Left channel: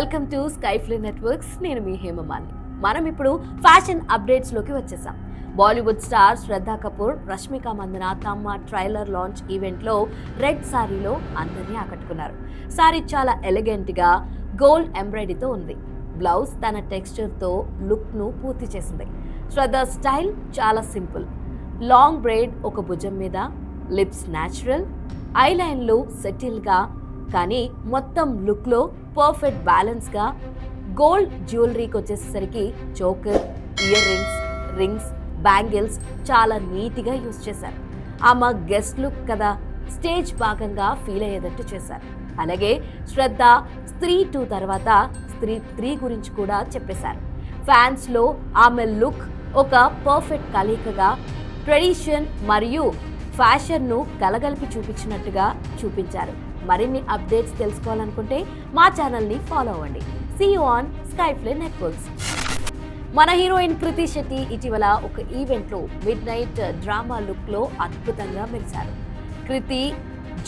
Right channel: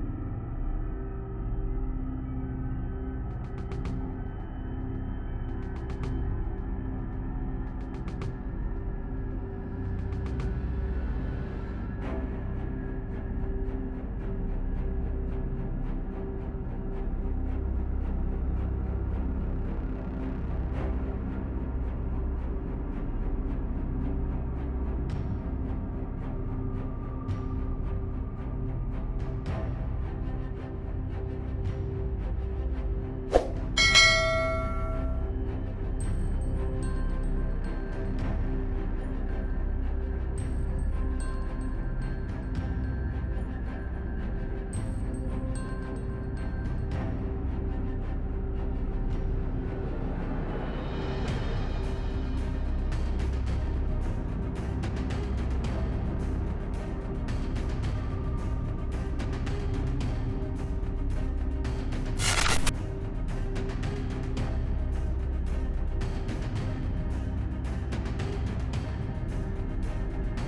Welcome to స్కైఫ్లీ networks. నేను మీ హేమమాలిని. మనం ఇప్పుడు ఫ్యాషన్ అప్డేట్స్ లోకి వచ్చేసాం. బాలీవుడ్ స్టార్ శ్రద్ధా కపూర్, రష్మిక మందన తమ ట్రైలర్ లాంచ్ ఈవెంట్ లో రెడ్ సారీలో అందరినీ ఆకట్టుకున్నారు. సారీ చాలా ఎలిగెంట్ గా గోల్డ్ ఎంబ్రాయిడరీతో ఉంది. బ్లౌజ్ తన టెక్స్చర్ తో లుక్ ను పూర్తి చేసింది. శ్రద్ధా స్టైల్ చాలా సింపుల్. లాంగ్ బ్రైడ్ ఒక భుజం మీద, లిప్స్ న్యాచురల్, ఐలైన్లు సెటిల్గా, కానీ మొత్తం లుక్లో పర్ఫెక్ట్ బ్యాలెన్స్గా. గోల్డ్ జ్యువెలరీకి వచ్చేసరికి చోకర్, ఇయర్ రింగ్స్, బ్యాంగిల్స్ చాలా నీట్గా యూజ్ చేశారు. ఆమె గెస్ట్ లుక్ కదా, స్టేజ్ భాగంగా ఫీల్ అయ్యేటట్టు చేశారు. అలాగే శ్రద్ధ స్త్రీ 2 తర్వాత స్త్రీ 3 గురించి కూడా చెప్పేశారు. ఫ్యాన్స్లో ఆమె లుక్ ఒక పర్ఫెక్ట్ కలయికగా ట్రెడిషన్ మరియు ఫ్యాషన్ను కలగలిపి చూపించినట్టుగా చూపించారు. మరిన్ని అప్డేట్స్ తెలుసుకోవాలనుకుంటే మా ఛానల్ని ఫాలో అవ్వండి. See you on Skyfly networks. మన హీరోయిన్ కృతి శెట్టి ఇటీవల ఒక ఈవెంట్లో మిడ్ నైట్ డ్రామా లుక్లో అద్భుతంగా మెరిశారు. Krithi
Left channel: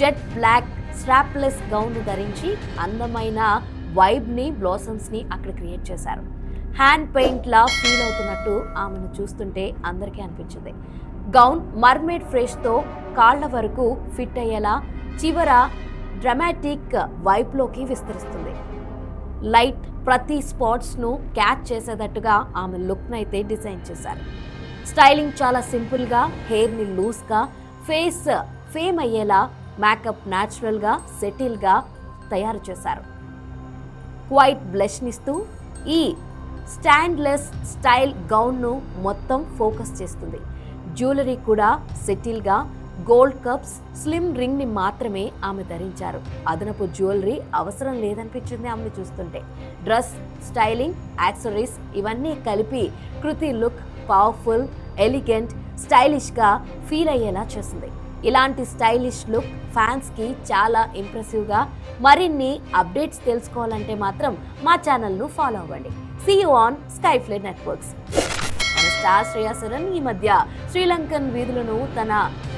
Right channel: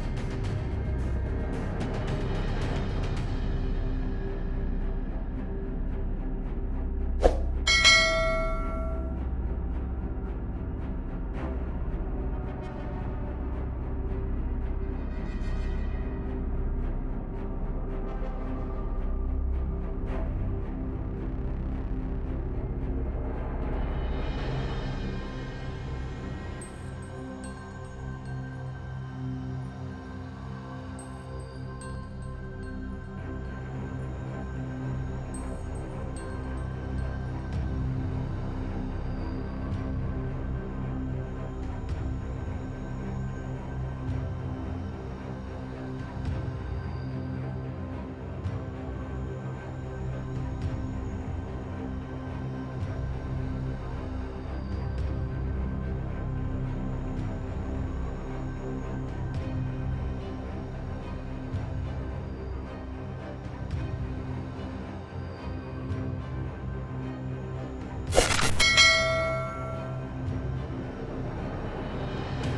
jet black strapless gown ధరించి అందమైన వైబ్ని, బ్లాసమ్స్ని అక్కడ క్రియేట్ చేశారు. హ్యాండ్ పెయింట్లా ఫీల్ అవుతున్నట్టు ఆమెను చూస్తుంటే అందరికీ అనిపించింది. గౌన్ మర్మేడ్ ఫ్రెష్తో కాళ్ల వరకు ఫిట్ అయ్యేలా చివర డ్రామాటిక్ వైబ్లోకి విస్తరిస్తుంది. లైట్ ప్రతి స్పాట్స్ను క్యాచ్ చేసేటట్టుగా ఆమె లుక్ను అయితే డిజైన్ చేశారు. స్టైలింగ్ చాలా సింపుల్గా, హెయిర్ని లూజ్గా, ఫేస్ ఫేమ్ అయ్యేలా, మేకప్ న్యాచురల్గా, సెటిల్గా తయారు చేశారు. క్వైట్ బ్లష్నిస్తూ ఈ స్టాండ్లెస్ స్టైల్ గౌన్ను మొత్తం ఫోకస్ చేస్తుంది. జ్యువెలరీ కూడా సెటిల్గా, గోల్డ్ కప్స్, స్లిమ్ రింగ్ని మాత్రమే ఆమె ధరించారు. అదనపు జ్యువెలరీ అవసరం లేదనిపించింది ఆమెను చూస్తుంటే. డ్రెస్, స్టైలింగ్, యాక్సెసరీస్ ఇవన్నీ కలిపి కృతి లుక్ పవర్ఫుల్, ఎలిగెంట్, స్టైలిష్గా ఫీల్ అయ్యేలా చేసింది. ఇలాంటి స్టైలిష్ లుక్ ఫ్యాన్స్కి చాలా ఇంప్రెసివ్గా. మరిన్ని అప్డేట్స్ తెలుసుకోవాలంటే మాత్రం మా ఛానల్ను ఫాలో అవ్వండి. See you on Skyfly networks. Star Shriya Saran ఈ మధ్య శ్రీలంకన్ వీధులను తన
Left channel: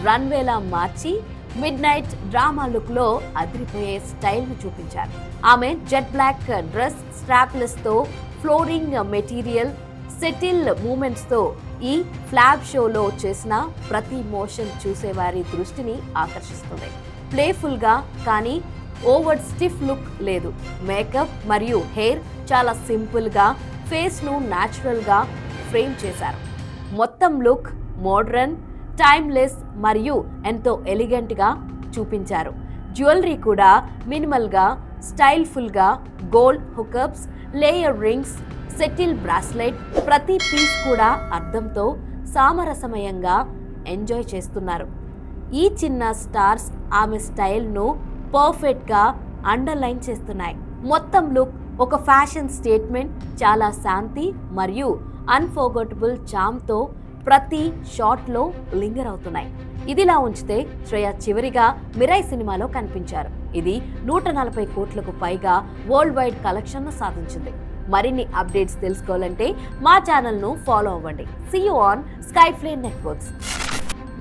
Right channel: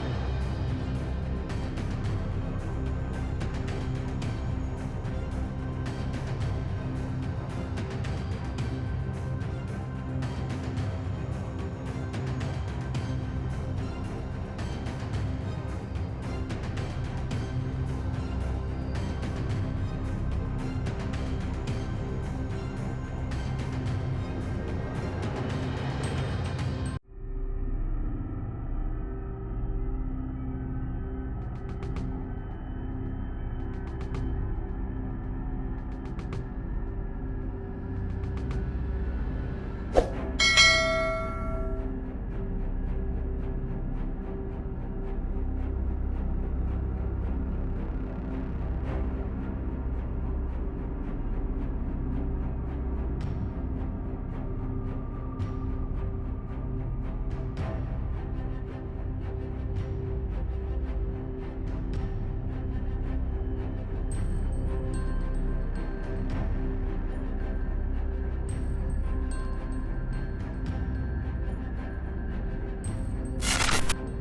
రన్వేలా మార్చి మిడ్ నైట్ డ్రామా లుక్లో అదిరిపోయే స్టైల్ను చూపించారు. ఆమె జెట్ బ్లాక్ డ్రెస్, స్ట్రాప్లెస్తో, ఫ్లోరింగ్ మెటీరియల్, సెటిల్ మూమెంట్స్తో ఈ ఫ్లాప్ షోలో చేసిన ప్రతి మోషన్ చూసేవారి దృష్టిని ఆకర్షిస్తుంది. ప్లేఫుల్గా కానీ ఓవర్ స్టిఫ్ లుక్ లేదు. మేకప్ మరియు హెయిర్ చాలా సింపుల్గా, ఫేస్ను న్యాచురల్గా ఫ్రేమ్ చేశారు. మొత్తం లుక్ మోడ్రన్, టైమ్లెస్ మరియు ఎంతో ఎలిగెంట్గా చూపించారు. జ్యువెలరీ కూడా మినిమల్గా, స్టైల్ఫుల్గా, gold hoops, layer rings, subtle bracelet, ప్రతి పీస్ కూడా అర్థంతో సామరస్యమయంగా ఎంజాయ్ చేస్తున్నారు. ఈ చిన్న స్టార్స్ ఆమె స్టైల్ను పర్ఫెక్ట్గా అండర్లైన్ చేస్తున్నాయి. మొత్తం లుక్ ఒక ఫ్యాషన్ స్టేట్మెంట్, చాలా శాంతి మరియు అన్ఫర్గెటబుల్ చామ్తో ప్రతి షాట్లో లింగర్ అవుతున్నాయి. ఇదిలా ఉంచితే శ్రేయ చివరిగా మిరాయ్ సినిమాలో కనిపించారు. ఇది 140 కోట్లకు పైగా వరల్డ్ వైడ్ కలెక్షన్ను సాధించింది. మరిన్ని అప్డేట్స్ తెలుసుకోవాలంటే మా ఛానల్ను ఫాలో అవ్వండి. See you on Skyfly Networks.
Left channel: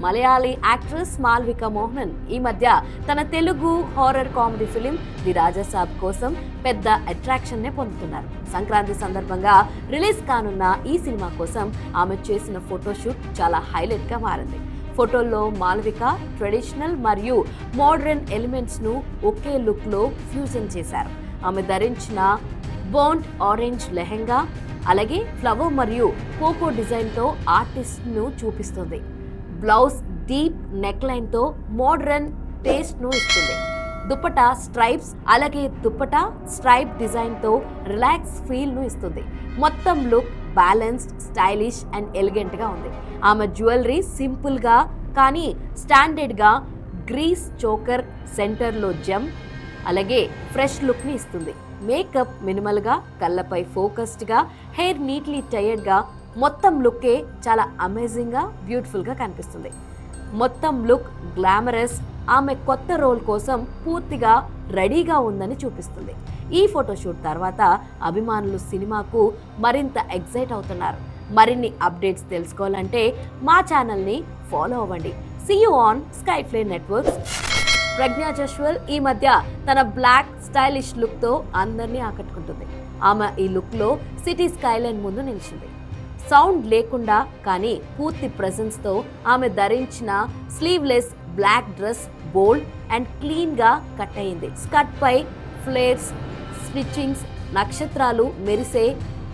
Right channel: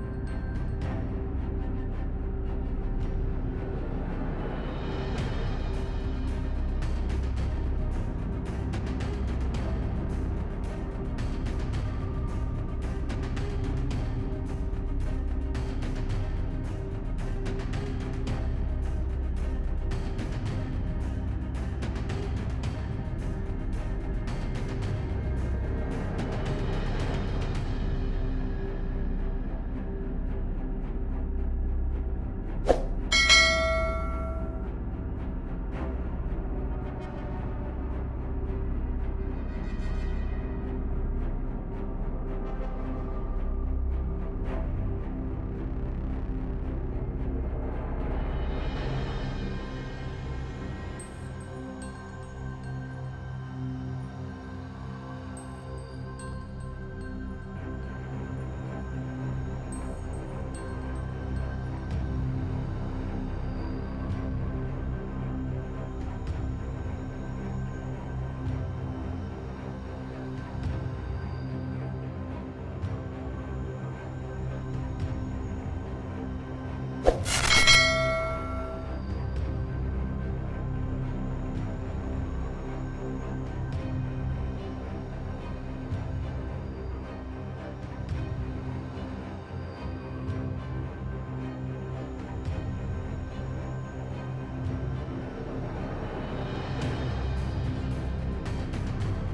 Malayali actress Malavika Mohan ఈ మధ్య తన Telugu horror comedy film the Raja Saab కోసం పెద్ద అట్రాక్షన్నే పొందుతున్నారు. సంక్రాంతి సందర్భంగా రిలీజ్ కానున్న ఈ సినిమా కోసం ఆమె చేసిన ఫోటోషూట్ చాలా హైలైట్గా మారింది. ఫోటోల్లో మాల్విక ట్రెడిషనల్ మరియు మోడర్న్ ఎలిమెంట్స్ను ఒకే లుక్లో ఫ్యూజన్ చేశారు. ఆమె ధరించిన బోర్న్ ఆరెంజ్ లెహెంగా, అలాగే ఫ్లవర్ మరియు పోపో డిజైన్తో ఆర్టిస్ట్ను చూపిస్తుంది. బ్లౌజ్ డీప్ నెక్ లైన్తో మోడర్న్ టేస్ట్ను ఇస్తుంది. దుపట్టా స్ట్రైప్స్, అలాగే దుపట్టా స్ట్రైప్ డిజైన్తో రిలాక్స్ ఫీల్ను ఇస్తుంది. మొత్తం లుక్ బ్యాలెన్స్డ్, స్టైలిష్ అండ్ ఎలిగెంట్గా ఉంది. ఆమె జ్యువెలరీ సింపుల్గా కానీ స్టాండర్డ్గా, గ్రీస్ చోకర్ సెంటర్లో జెమ్, అలాగే ఫ్రెష్ లుక్ని ఇస్తుంది. మేకప్ మినిమల్గా, కళ్ళపై ఫోకస్డ్గా, హెయిర్ నీట్లీ టైర్డ్గా, మొత్తం లుక్కే చాలా అమేజింగ్గా, బ్యూటిఫుల్గా కనిపిస్తుంది. మొత్తం లుక్ గ్లామరస్, ఆమె కొత్త రోల్ కోసం పూర్తిగా రెడీగా ఉందని చూపిస్తుంది. ఈ ఫోటోషూట్ తర్వాత అభిమానులు సినిమాకు మరింత ఎక్సైట్ అవుతున్నారు. మరిన్ని అప్డేట్స్ తెలుసుకోవాలంటే మా ఛానల్ని ఫాలో అవ్వండి. See you on Skyfly Networks. Pragya Jaiswal ఈ మధ్య తన బ్లాక్ స్టైలిష్ లుక్తో అందరినీ ఆకట్టుకుంటుంది. ఆమె ఈ లుక్లో సిటీ స్కైలైన్ ముందు నిలిచింది. సౌండ్ లేకుండా కానీ పూర్తి ప్రెజెన్స్తో ఆమె ధరించిన sleeveless black dress bold and క్లీన్గా కట్ అయింది. స్కర్ట్పై ఫ్లేర్స్, స్టిచ్చింగ్స్, నక్షత్రాలు మెరిసే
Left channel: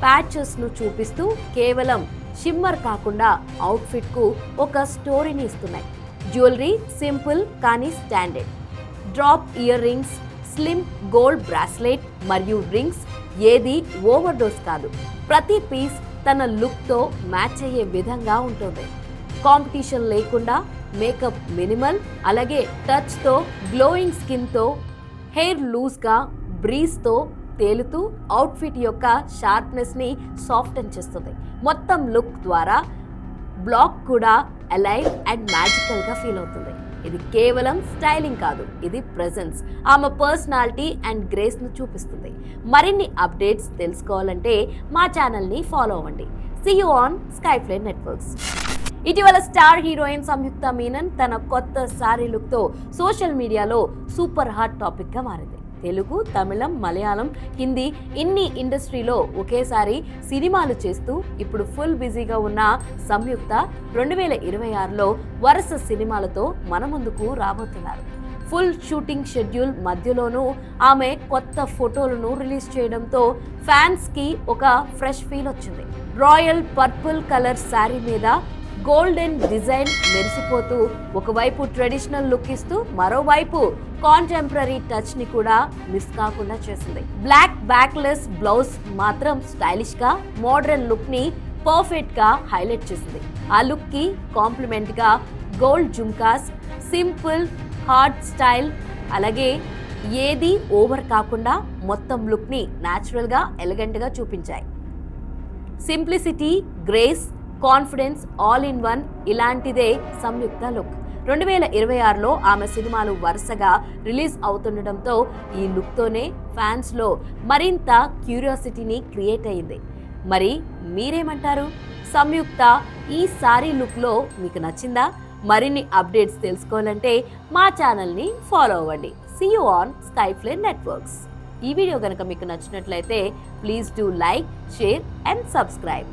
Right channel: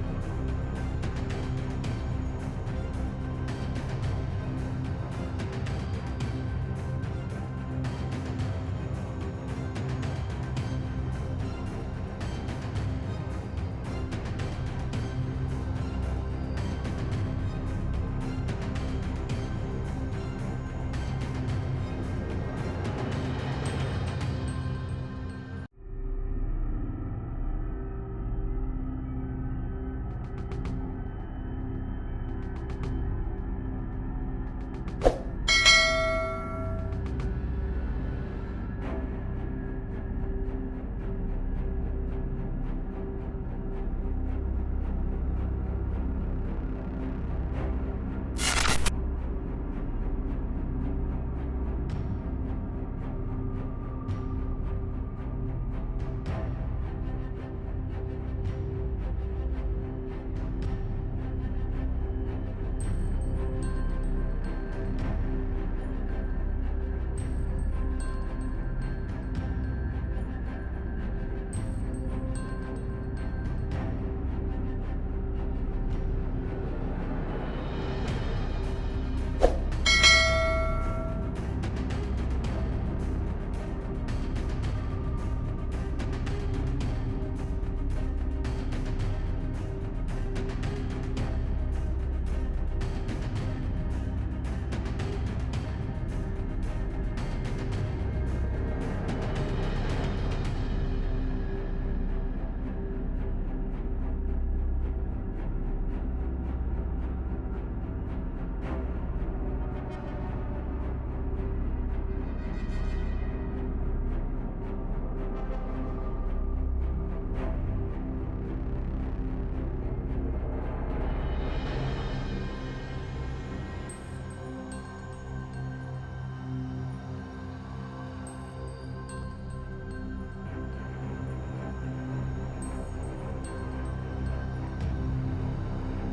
ప్యాచెస్ను చూపిస్తూ కేవలం షిమ్మర్ కాకుండా అవుట్ఫిట్కు ఒక స్టోరీని ఇస్తున్నాయి. జ్యువెలరీ సింపుల్ కానీ standard. Drop ear rings, slim gold bracelet మరియు రింగ్స్ ఏది ఓవర్ డోస్ కాదు. ప్రతి పీస్ తన లుక్తో మ్యాచ్ అయ్యే విధంగా ఉంటుంది. కాంపిటీషన్ లేకుండా మేకప్ మినిమల్, అలాగే టచ్తో గ్లోయింగ్ స్కిన్తో హెయిర్ లూజ్గా బ్రీజ్తో తేలుతూ అవుట్ఫిట్ యొక్క షార్ప్నెస్ని సాఫ్టన్ చేస్తుంది. మొత్తం లుక్ ద్వారా బ్లాక్ కూడా అలైవ్ అండ్ మ్యాజికల్గా ఫీల్ అవుతుంది. ఇది కేవలం స్టైలింగ్ కాదు, ఇది ప్రెజెన్స్, ఆమె పర్సనాలిటీ అండ్ గ్రేస్ను చూపిస్తుంది. మరిన్ని అప్డేట్స్ తెలుసుకోవాలంటే మా ఛానల్ని ఫాలో అవ్వండి. See you on Skyfly Networks. ఇటీవల స్టార్ హీరోయిన్ సంయుక్త మీనన్ తన కొత్త సారీ లుక్తో సోషల్ మీడియాలో సూపర్ హాట్ టాపిక్గా మారింది. తెలుగు, తమిళం, మలయాళం, హిందీ ఇన్ని ఇండస్ట్రీలో ఒకేసారి సినిమాలు చేస్తూ ఇప్పుడు ఫుల్ బిజీగా ఉన్న సంయుక్త 2026లో వరుస సినిమాలతో మన ముందుకు రాబోతున్నారు. ఫుల్ షూటింగ్ షెడ్యూల్ మధ్యలోనూ ఆమె కొత్త ఫోటోలను రిలీజ్ చేయడంతో ఫ్యాన్స్కి ఒక ఫ్రెష్ ఫీల్ వచ్చింది. రాయల్ పర్పుల్ కలర్ శారీ మీద గోల్డెన్ డిజైన్ మెరిసిపోతూ ఒకవైపు ట్రెడిషనల్ లుక్ ఇస్తూ మరోవైపు కాంటెంపరీ టచ్ ని కూడా మిస్ కాకుండా చేసింది. బ్లాక్ బ్యాక్లెస్ బ్లౌజ్ మాత్రం స్టైలిష్ గా మోడర్న్ లుక్ ని పర్ఫెక్ట్ గా హైలైట్ చేసింది. ఆ లుక్ కి కాంప్లిమెంట్ గా gold jhumkas, simple hard style, అలాగే ఏది ఓవర్ కాకుండా మొత్తం లుక్ ని న్యాచురల్ గా ఎలిగెంట్ గా చూపించాయి. Simplicity, grace, confidence all in one ఇలాంటిదే సంయుక్త లుక్. 2026లో ఆమె సినిమాలు వరుసగా రిలీజ్ అవుతుండటంతో ఈ లుక్తోనే ఫ్యాన్స్లో మరింత క్యూరియాసిటీని క్రియేట్ అయ్యింది. మరి మీరేమంటారు? సంయుక్త ఈ సారీ లుక్లో మీకు నచ్చిందా? మరిన్ని అప్డేట్స్ తెలుసుకోవాలంటే మా ఛానల్ని ఫాలో అవ్వండి. See you on Skyfly Networks. ఈ వీడియో కనుక మీకు నచ్చినట్లయితే please do like, share and subscribe.